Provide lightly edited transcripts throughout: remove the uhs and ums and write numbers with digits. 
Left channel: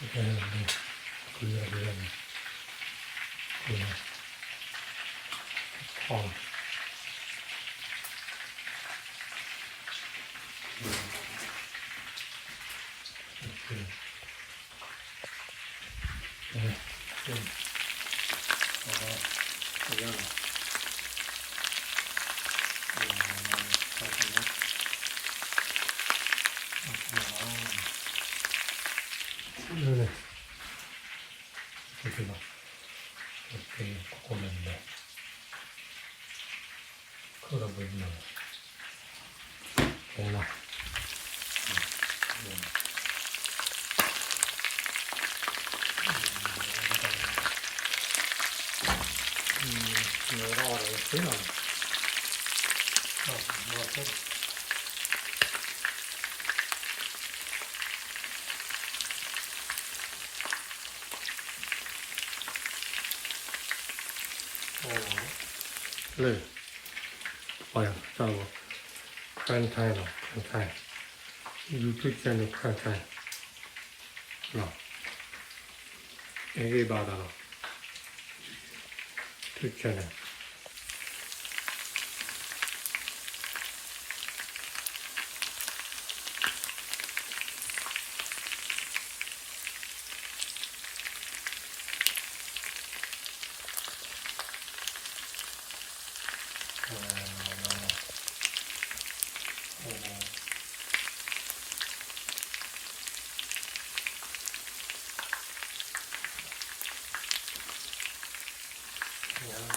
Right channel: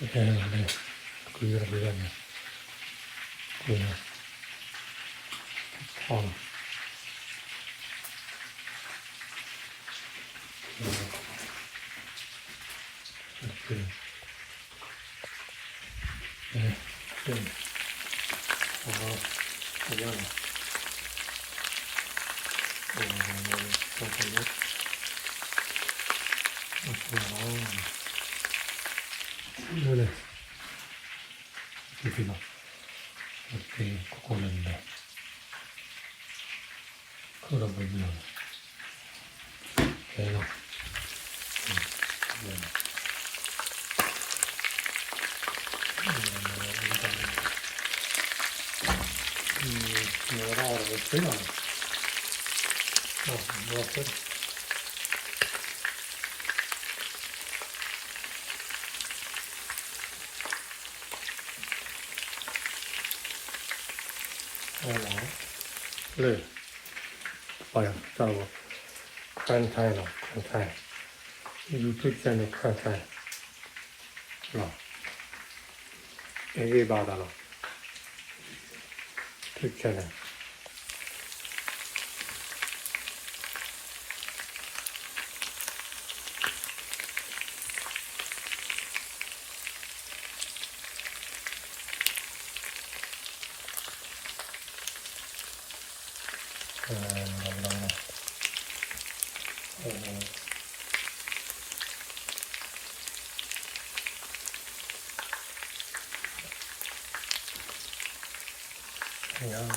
네, 그러네. 그냥, 이렇게, 네, 그냥, 여기가 이렇게 고는데 걸어보면 되나? 뭐라 그러겠어요? 뭐였어? 네. 뭐야, 저거, 프란차이너, 프란차이. 유튜브 채널 프란차이. 이게 받아라. 유튜브 채널. 그냥,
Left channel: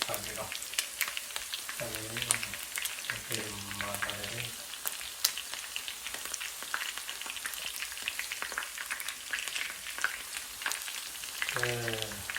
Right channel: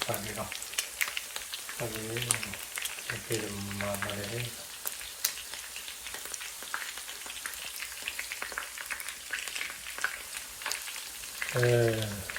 사람이가, 이렇게 만나야 돼. 예.